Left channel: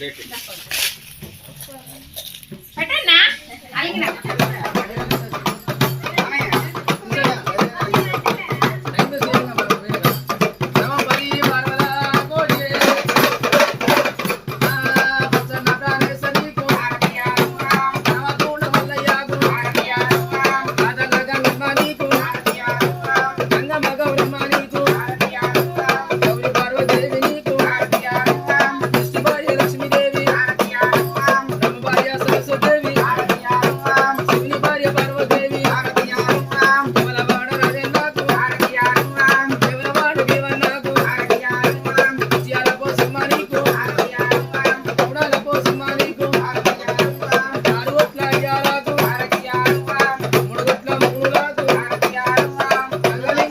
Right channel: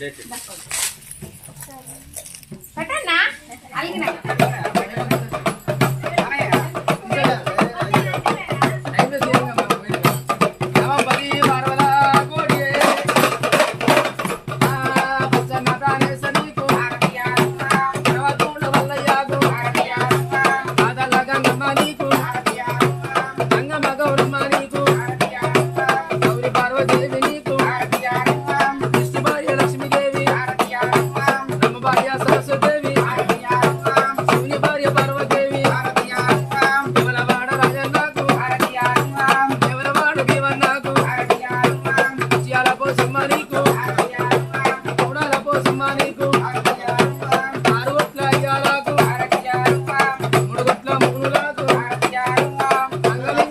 Deixa.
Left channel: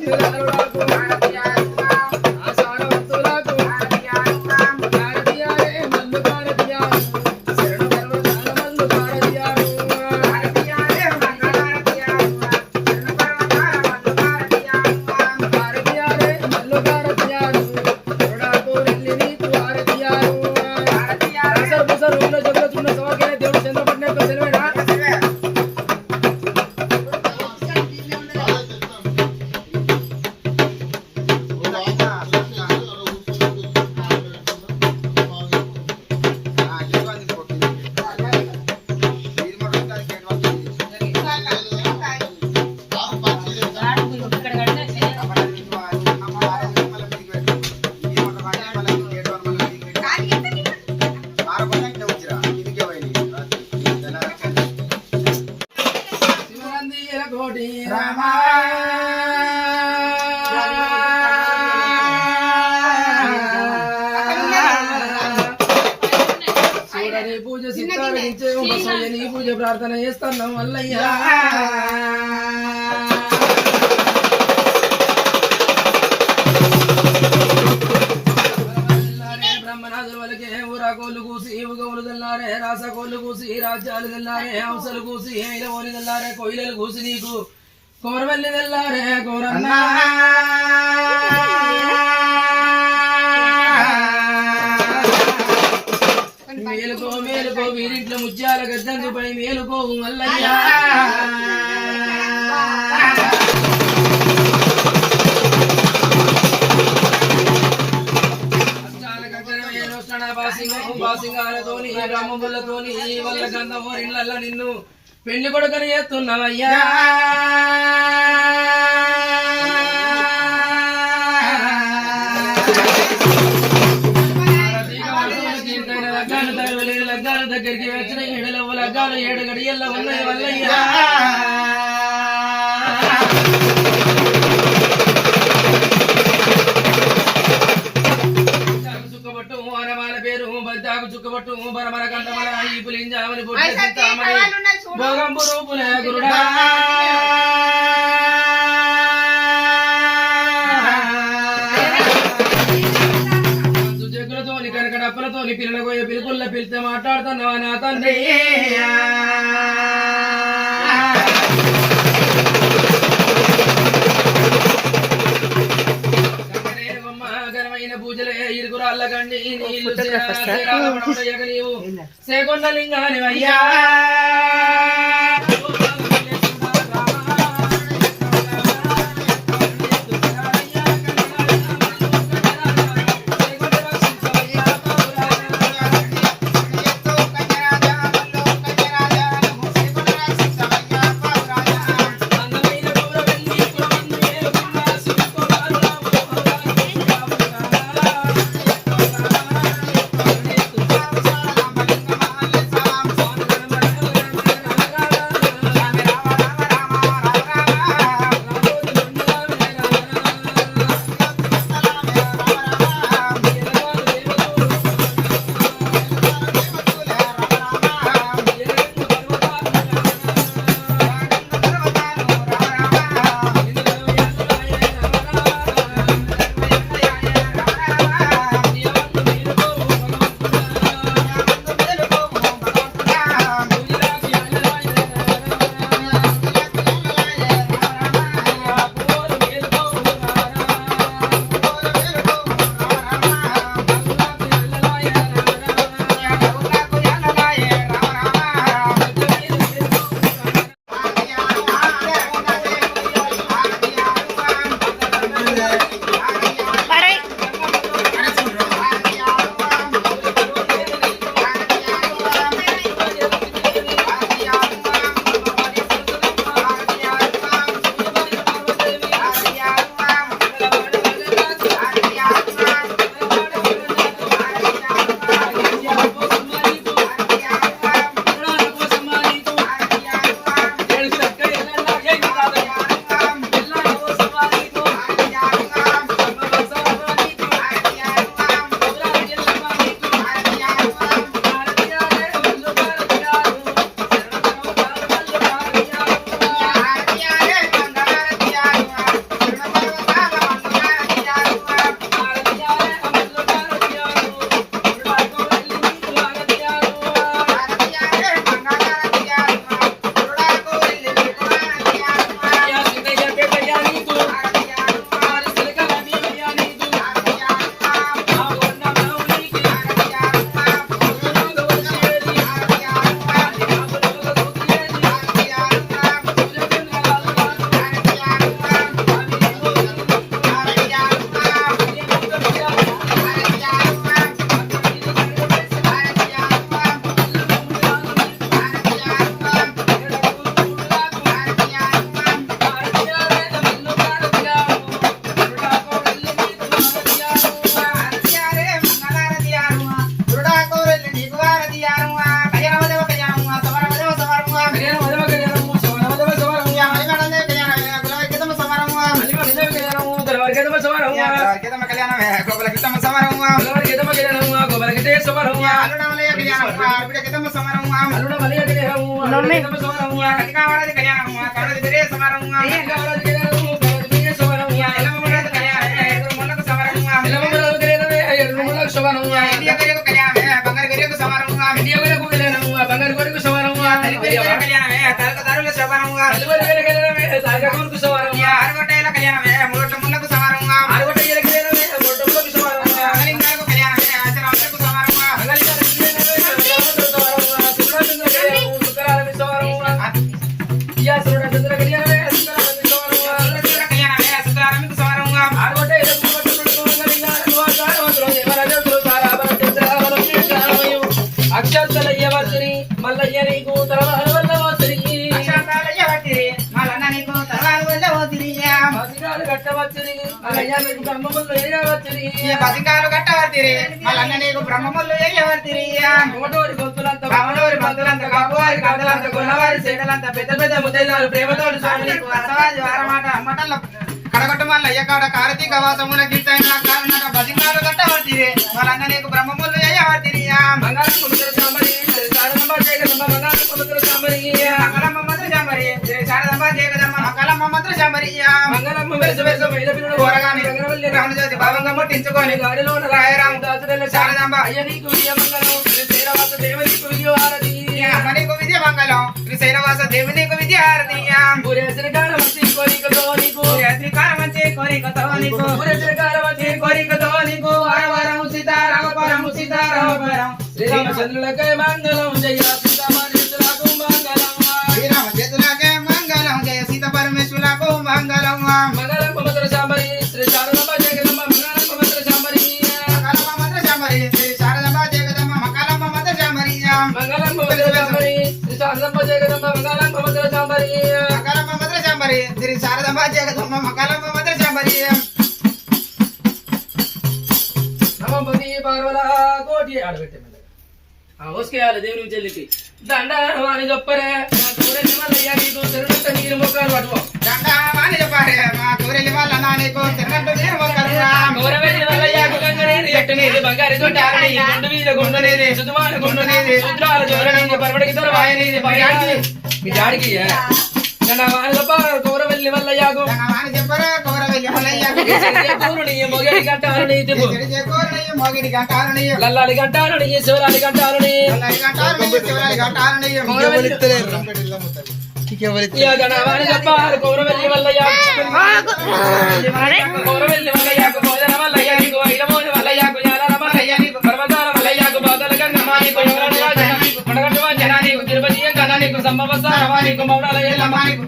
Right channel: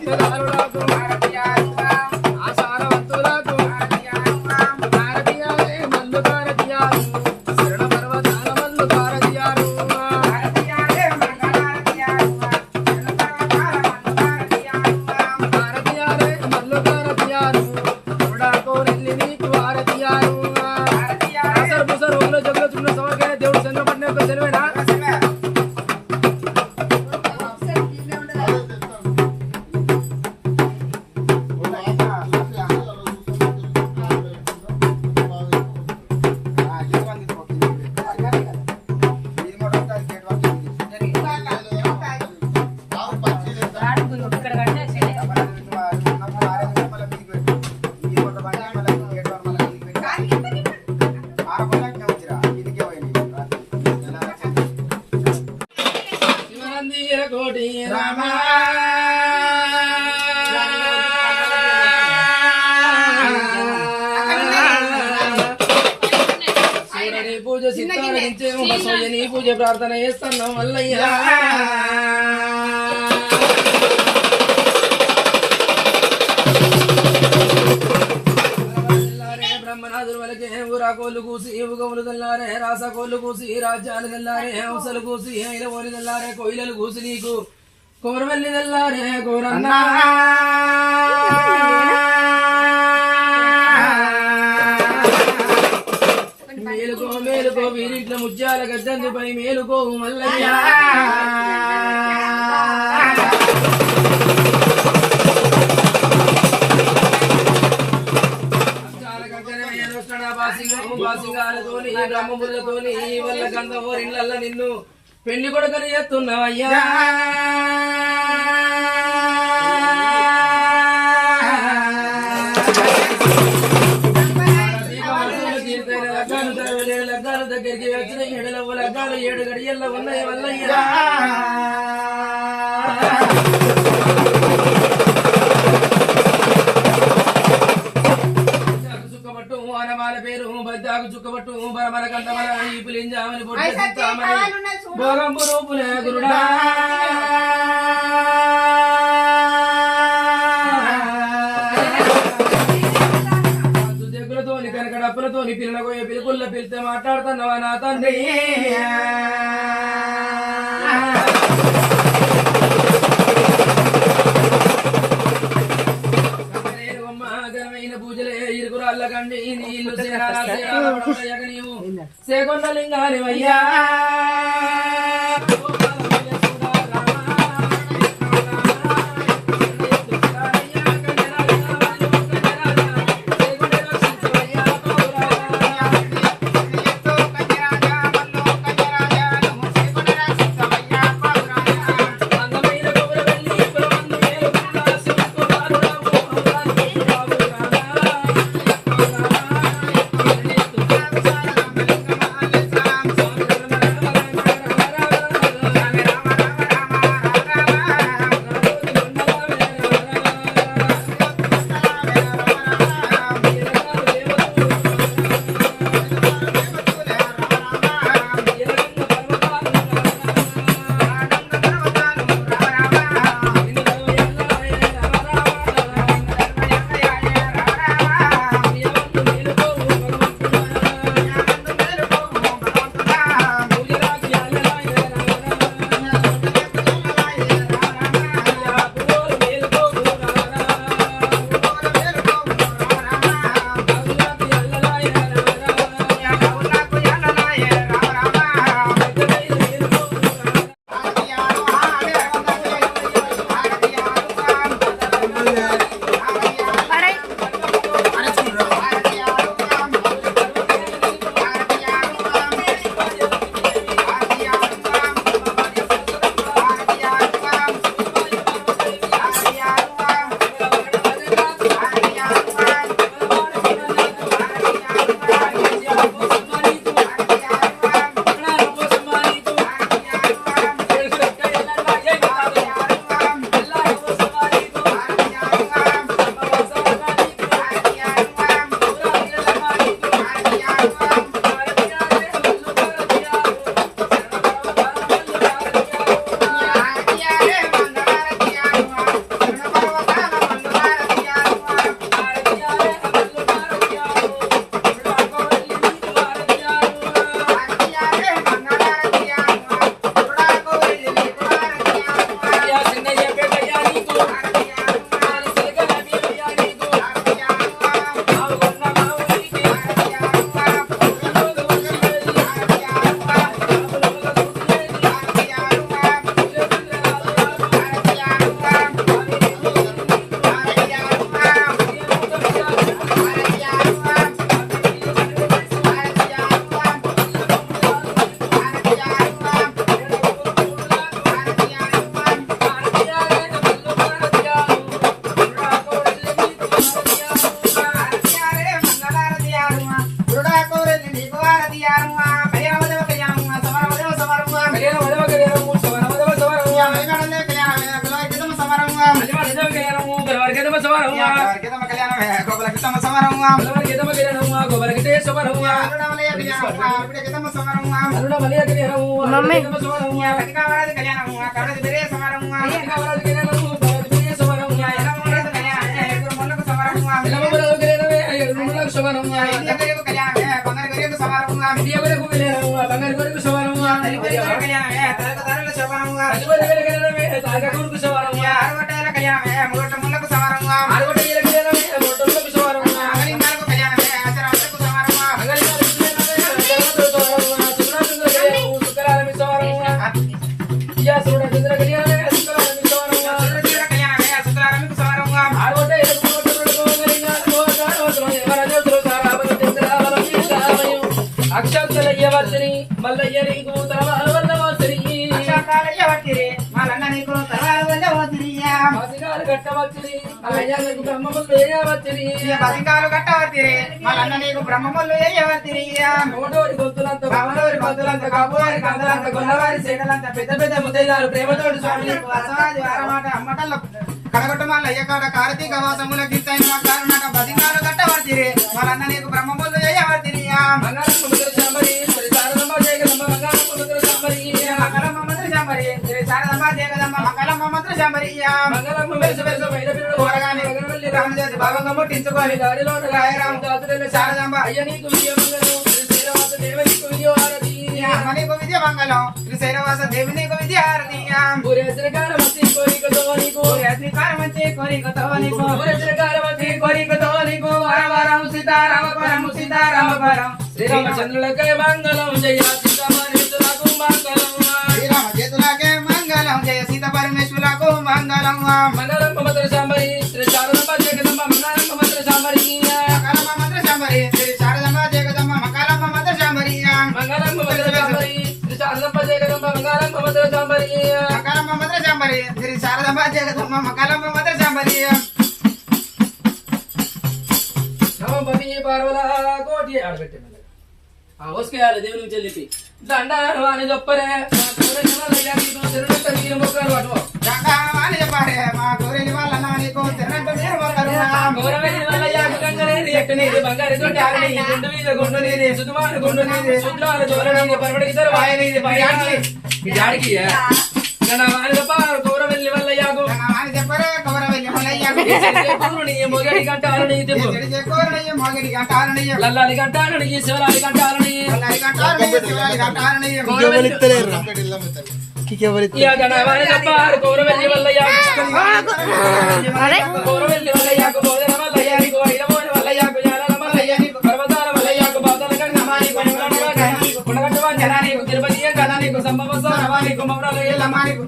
Pero ano శివనందిర కోటి రామ పూజ సిద్ధారించే పూజ ప్రార్థన చేస్తున్నాం వల్లయ్యా. కోళ్ళు కూసి తెల్లారే రాస కోళ్ళు కూసి రాజ్యాలు తెల్లారే హంసలు కూసి ఐలవోలు తెల్లారే కోయిలలు కూసి నీకు. కోరవల్లి తెల్లారే కోరన్నా. మేలుకో మేలుకో వీరింట్లో ముత్యాల గద్దందుపై మేలుకో మల్లయ్యా. బాసింగాలతోని బ్రహ్మబుల్లతోని వల్ల గంధము ఇళ్ళల్ల నిన్ను పెళ్లి కొడుకని ఎత్తున్నావయ్యా లగ్గాలు తరవలేదు లగ్గాల దగ్గరికి వచ్చిన ఏడులవ్వ లగ్గాలు ఏడు గడియల్ల ఉన్నాయి వల్లయ్యా చుక్కబట్టు బరమర కంటమర ఈ పులింజామని పొట్టి భోగంపు రూపుల గురుడా. జగ్గులతోని కనక డప్పులతోని పిల్లల పోయే పిలుపుల్ల పిలితే మాట్లాడుతున్నావా నా తండ్రి? అల్లగండి నీళ్ళు సేరాల సేరాల పడవడయ్యగ నీవు సేకొండ లింగాని అయ్యా కళ్యాణము మమ్మీ. పసికాలు కట్టవతిరి మలన్న నీకు బ్రహ్మములు వేయవతిరియా నోటోరి గొంతులంత బావనోరి మంతులంత కాబోరి కాంతలంత గొల్లవారి సేకలంత పెద్ద పెద్ద ముద్దైదారు ప్రేమతోడు స్వామిని నీకు అసవాజు వారమాట అమ్మటల్ల కడగొట్టు మల్లయ్య కాడ కార్తీక వాసముల గిట్టైన కారణట బతికాలు కట్టవతిరి మలన్న నీకు బ్రహ్మములు వేయవతిరియా బంగారం ముద్ర సాంబరి సారదమ్మ జయగదమ్మ బంగారం సాంబరి. మంగళమ్మ మంత్ర శాంబరి శ్రీ శారదమ్మ జయగదమ్మ మంగళమ్మ మంత్ర శాంబరియా మంగళమ్మ వెస వెస మైల పిల్లడు కూరగాని గగనవల్లి రామజ్యోతి భావంగా ముట్టించుకొని గాడిలో రాయరామ దాసుల శారదాంబ. అయ్య నీకు విజయ మంగళం. శ్రీ శ్రీరామత దేవనికి విజయ హారతి. నీకు విద్య మంగళం. శ్రీ శైలవాస దేవి నీకు విద్య హారతీయా పూరేసిన కాలమతి కోరికతో నీకు. శ్రీకారం వచ్చి కోరికతో నీకు. పూరేసిన కాలమతి కోరికతో నీకు. వారవారం సీతారామ పరం సీతారామ పరం శ్రీరామచంద్రులకై మంగళం. జయ మకాలమ్మ మంత్ర శాంబరి శ్రీ శారదమ్మ జగదమ్మ మకాలమ్మ మంత్ర శాంబరి మంగళం మమతర సాంబరి శ్రీ శారదమ్మ జగదమ్మ మంగళం మమతర సాంబరి మకాలమ్మ మంత్ర శాంబరి శ్రీ శారదమ్మ జగదమ్మ మకాలమ్మ మంత్ర శాంబరి నవపతి పార్వల కోటి ఆడబెట్టే మెల్లగా. ఆ ఓసుకేయాలి దేవుని చెల్లికి దండాలను వాని గొప్పరే నా తోడే నిమలయ్య నీకు తిరునంత నీరు మొక్కలు పట్టుకో. దండాని చెప్పారే మా కోరెలి వాళ్ళ నానికు తిన్నట్టు నేను ఒకరున్నా. గౌరవేలి మల్లయ్య గుండునేది సుతుమాన గుండునేది శుద్రాల జోరణి పరమడికి తరవాయనేది పర్యాడికి మీ జాడికి నా వాని గొప్ప గౌరవెల్లి మల్లయ్యకు దండాని చెప్పరా కోరవెల్లి మల్లయ్యకు. పూరుని మొగడి తిప్పు లల్లాలి శివరాలి గౌరవెల్లి మల్లయ్య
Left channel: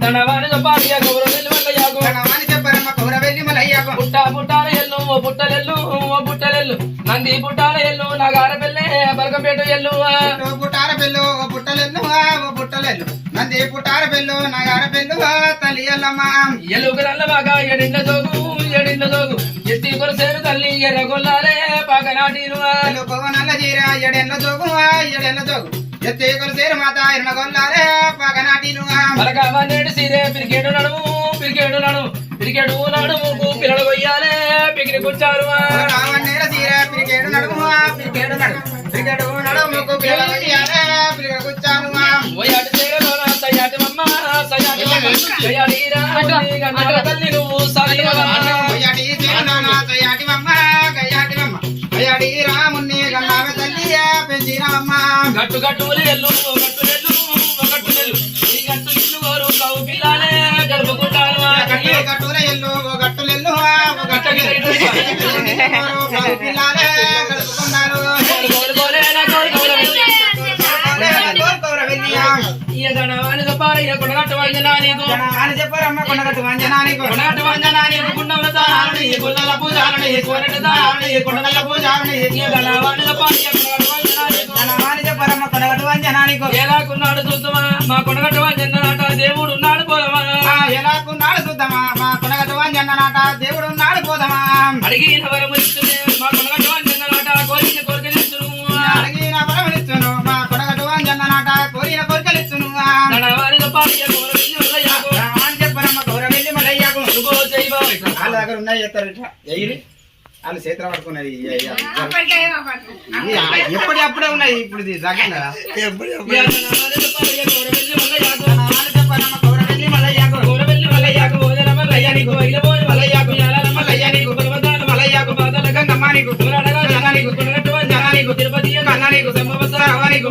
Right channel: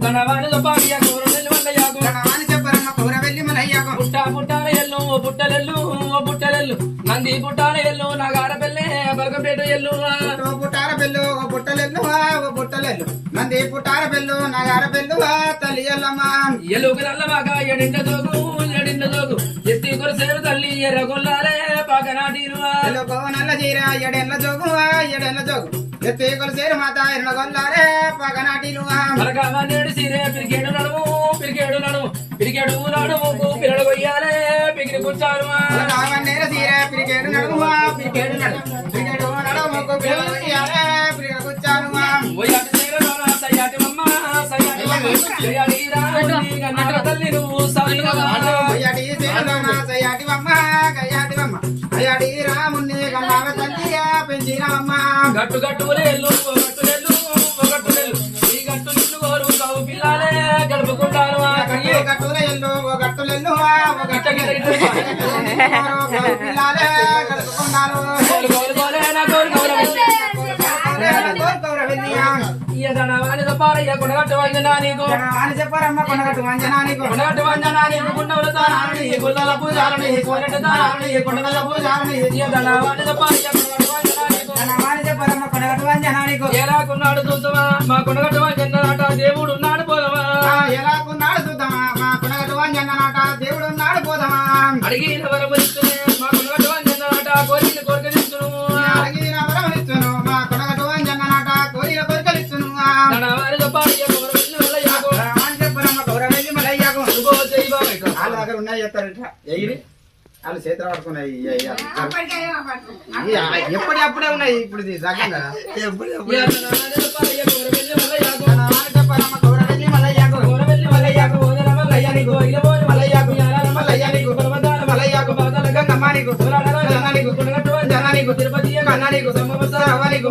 దండవాని గొప్ప గౌరవెల్లి మల్లయ్యకు దండాని చెప్పరమ్మ కోరవెల్లి మల్లయ్యకు. పుట్ట పుట్టాల ఎల్లు ఓ పుట్టలెల్లు ఓ పుట్టలెల్లు నంది పుట్టాల ఎల్లు నాగార పెళ్ళే బలకపేట ఎల్లు పుట్టార పెళ్ళు, ఓ పుట్టలెల్లు, ఓ పుట్టలెల్లు. నంది పుట్టార పెళ్ళు, నగార పెళ్ళు, తల్లి ఎల్లమ్మ. ఎల్లుకు నల్ల బాగా ఎడిండ జోగు ఎడిండ జోగు ఎత్తి కొలసేరు తల్లి ఎర్రగొల్లాలే పాకనాటిను ఎలుకో నల్ల జీర, ఎడెల్ల జోగు, ఎడెల్ల జోగు. ఎత్తి కొలసేరు మాత ఎర్మగొల్లారే పగనాటిలు మలకామ నేడు సీరే పిరికేడు నడుము పిరికేడు నడుము పిరికేడు నడుముకు పిల్లలు కొయ్యాలే పిగిలి కూర్చారు రావణేర తీర పిరికేడు నడుము పిరికేడు నడుము పిరికేడు నడుముకు పిల్లలు కొయ్యాలే, పిల్లలు చేయలోన సయాటి మమ్మ సయాటి మమ్మ సయాటి తల్లి నువ్వు గట్టు గట్టులేళ్ళు గట్టులేళ్ళు గట్టులేళ్ళు ఈ గట్టు నిన్ను కోరు కవు పిల్లాలే జరుపుకుంటారు గట్టు గట్టుల ఎల్లు ఓ గట్టులెల్లు ఓ గట్టులెల్లు పిల్లాలే గడుపుకున్నారు కోరుకోలే నా కోరుకోలే ఈ ధనవాని పారయ్య కొడగట్టు వంజనా నీకు. కొడగట్టు వంజనా నీకు. పూజాలని పూజాలని పారయ్య కొడగట్టు ఎలాకున్నాడు చూద్దామా? మా కొడగట్టు వంజనాట దేవుడు ఉన్నాడు పోదమా ఎలాకున్నాడు చూద్దామా? మా కొనగట్టు వంజనాట దేవుడు ఉన్నాడు పోదామా? అడిగిన వరము ఇస్తునే మా కొడగట్టు వంజనాట కోరిన కోరికలిస్తును అడిగిన వరమునిచ్చును మా కొనగట్టు వంజనాట కోరిన. అని చెప్పారమ్మ గౌరవెల్లి మల్లయ్యకు. ఇదిగో జై బాబు. వాళ్ళ దగ్గర ఉన్నాయి చెప్తారు ఇట్లా వాళ్ళు చేతులు పడుకున్నాయి ఎప్పుడప్పుడే ఉన్నాయి ఇప్పుడు రకంగా తిరుపతి అన్నానికి సంభవ అవ్వానికి